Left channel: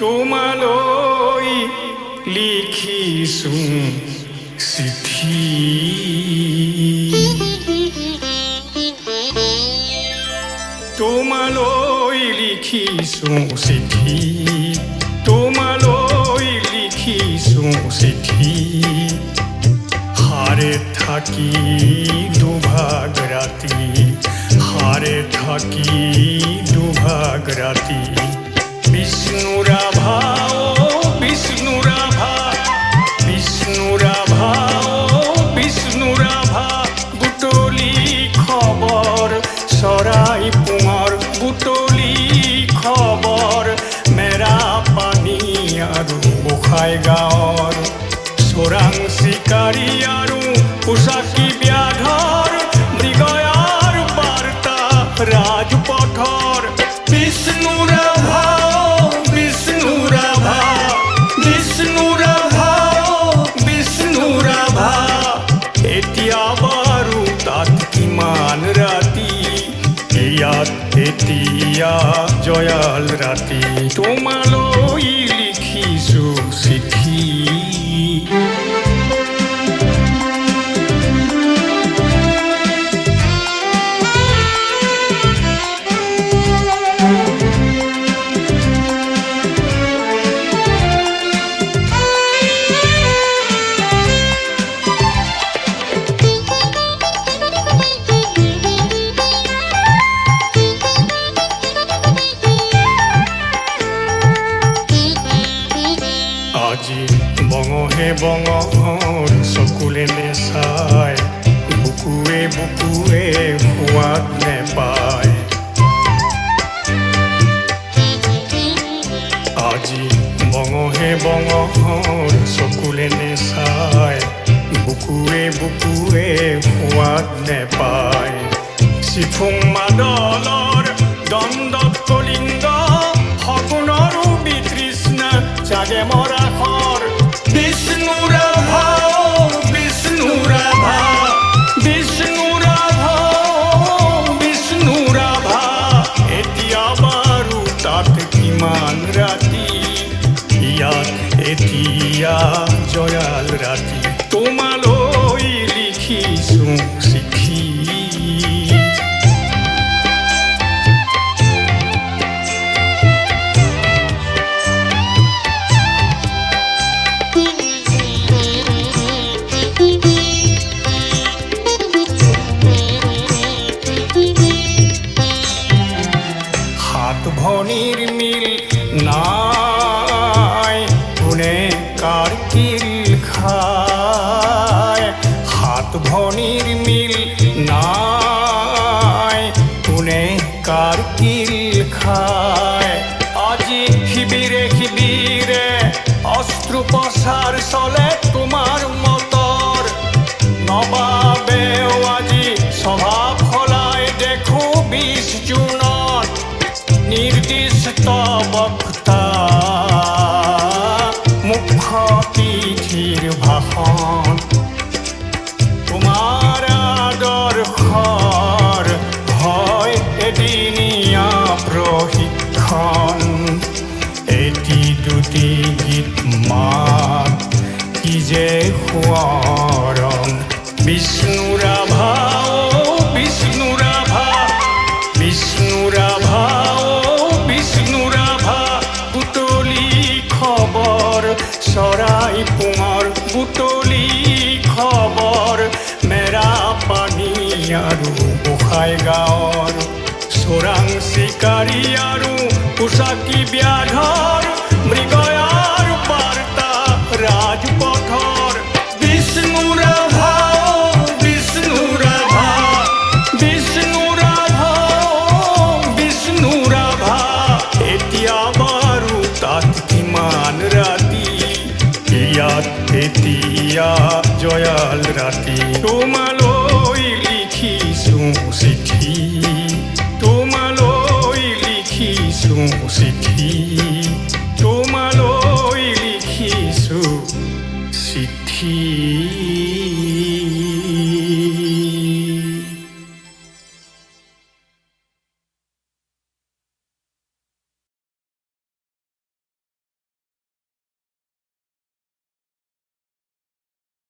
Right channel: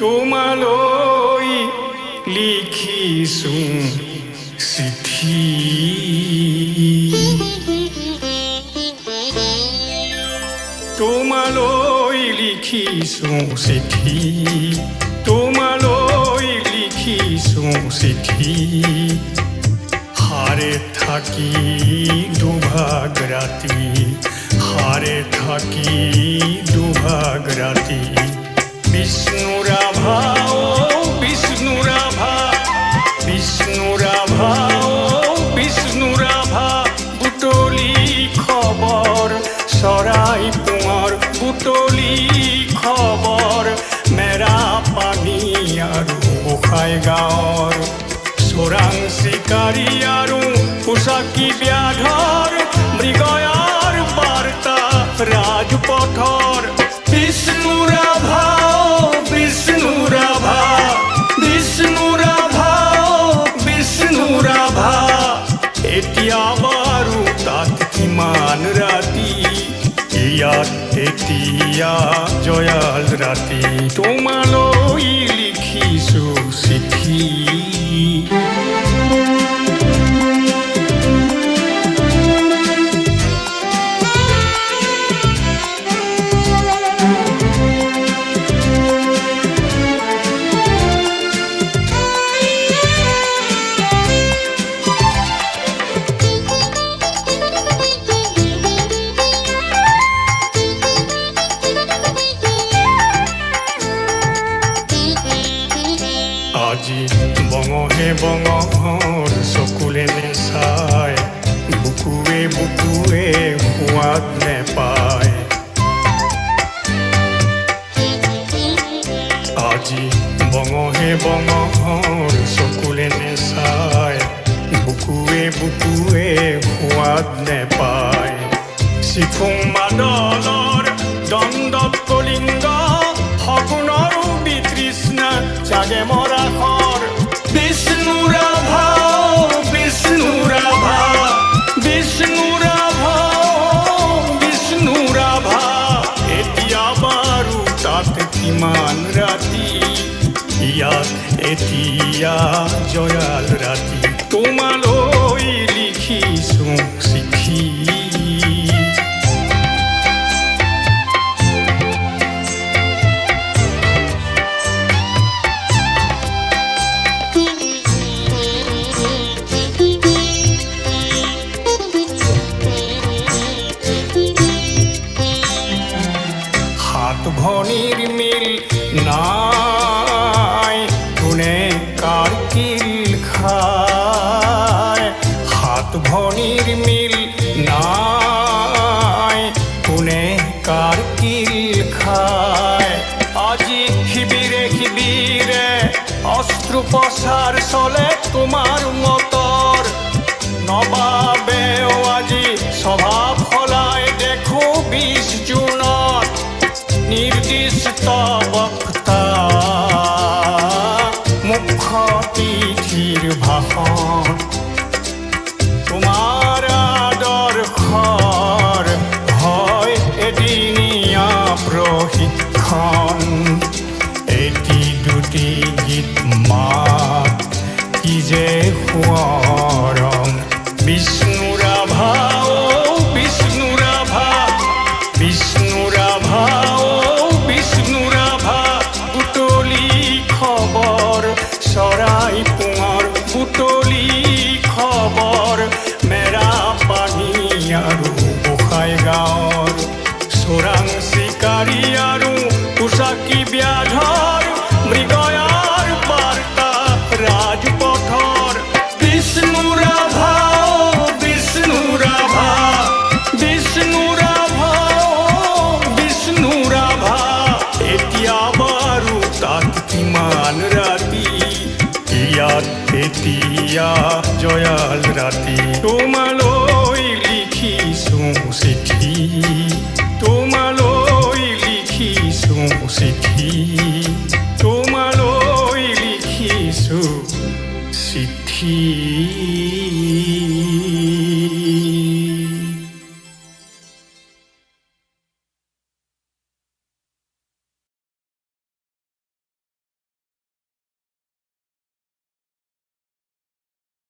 তোমালৈ লিখিছো চিঠি তোমালৈ লিখিছো চিঠি তোমালৈ লিখিছো চিঠি হারে থাকি দুভাগ রাতি হারে থাকি দুভাগ রাতি বিষ্ণুরাভা ও বিষ্ণুরাভা বিষ্ণুরাভা ও বিষ্ণুরাভা বুটলি খবর চৰাই পুঙৰ বুটলি খবৰ মেৰা পানী আৰু গোসাই গাঁৱৰ চোৰাং চিকাৰী আৰু পোচাকী ব্যাধৰ মৃগয়াৰ বাৰ্তা ৰাজপথৰ বিষ্ণুৰাভা বিষ্ণুৰাভা বিষ্ণুৰাভা বিষ্ণুৰাভা এতিয়া বাৰু তাত কিমান ৰাতি ইয়াত এতিয়া জয়াল ৰাতি তোমালৈ লিখিছো চিঠি আজি বঙহে বঙৰ চকুলে নেচায় বুকুৱে বুকুৱে সোৱাদ নেপায় আজি বঙহে বঙৰ চকুলে নেচায় বুকুৱে বুকুৱে সোৱাদ নেপায় চিফুং মাদলৰ দণ্ডত কলিংগ সগুণৰো বিতৃষ্ণা জাগে মৰা খৰ বিষ্ণুৰাভা বিষ্ণুৰাভা বিষ্ণুৰাভা বিষ্ণুৰাভা এতিয়া বাৰু তাত কিমান ৰাতি ইয়াত এতিয়া জয়াল ৰাতি তোমালৈ লিখিছো চিঠি ভনিৰ মিল নাই কোনে কাৰ কিল খায় হাত ভনিৰ মিল নাই কোনে কাৰ কিল খায় আজি শিবিৰে শিবিৰে অস্ত্ৰোপচাৰ চলে তোমাৰ মতৰ নবাবেও আজি স্বভাৱ সলাই দেখো 20 জুনত নিৰ্দিষ্ট বক্তা মুখ্য তিথিৰ ভাষণ তোমাৰ আদৰ্শৰ হয় এদিনীয়া প্ৰশিক্ষণ এটি দুটি গীত মাত কি যে সোঁৱৰণ বিষ্ণুৰাভা ও বিষ্ণুৰাভা বিষ্ণুৰাভা বিষ্ণুৰাভা বুটলি খবৰ চৰাই পুঙৰ বুটলি খবৰ মেৰা পানী আৰু গোসাই গাঁৱৰ চোৰাং চিকাৰী আৰু পোচাকী ব্যাধৰ মৃগয়াৰ বাৰ্তা ৰাজপথৰ বিষ্ণুৰাভা বিষ্ণুৰাভা বিষ্ণুৰাভা বিষ্ণুৰাভা এতিয়া বাৰু তাত কিমান ৰাতি ইয়াত এতিয়া জয়াল ৰাতি তোমালৈ লিখিছো চিঠি তোমালৈ লিখিছো চিঠি তোমালৈ লিখিছো চিঠি